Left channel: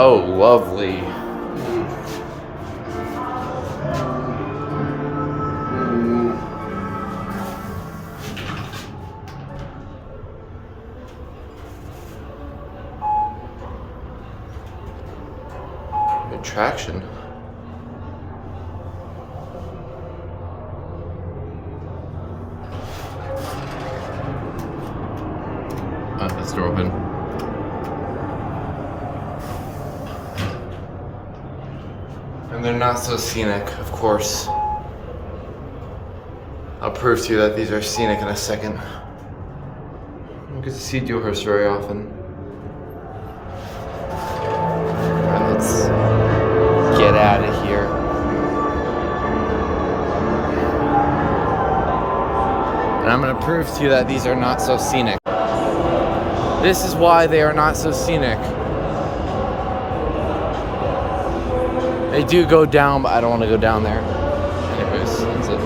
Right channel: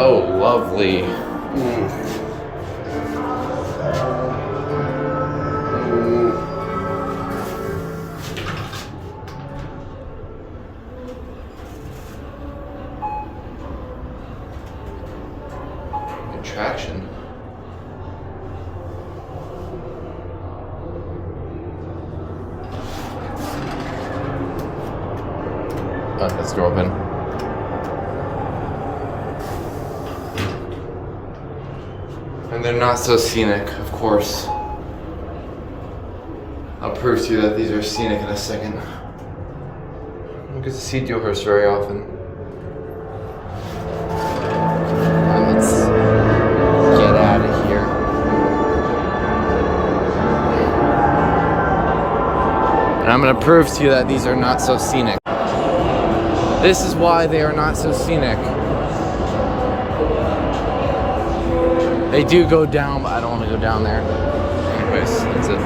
Oh, lovely. Traction. Oh, that's the door open. And they're not so scenic, of course. I'll prove to you that these are scenic in a second. I don't get to see Dewhurst very often. Let's get out of here. And I'm going to prove to you that these are not so scenic. This is why they are not so scenic. They do go down, but I don't want to go down there. Anyways, that's it.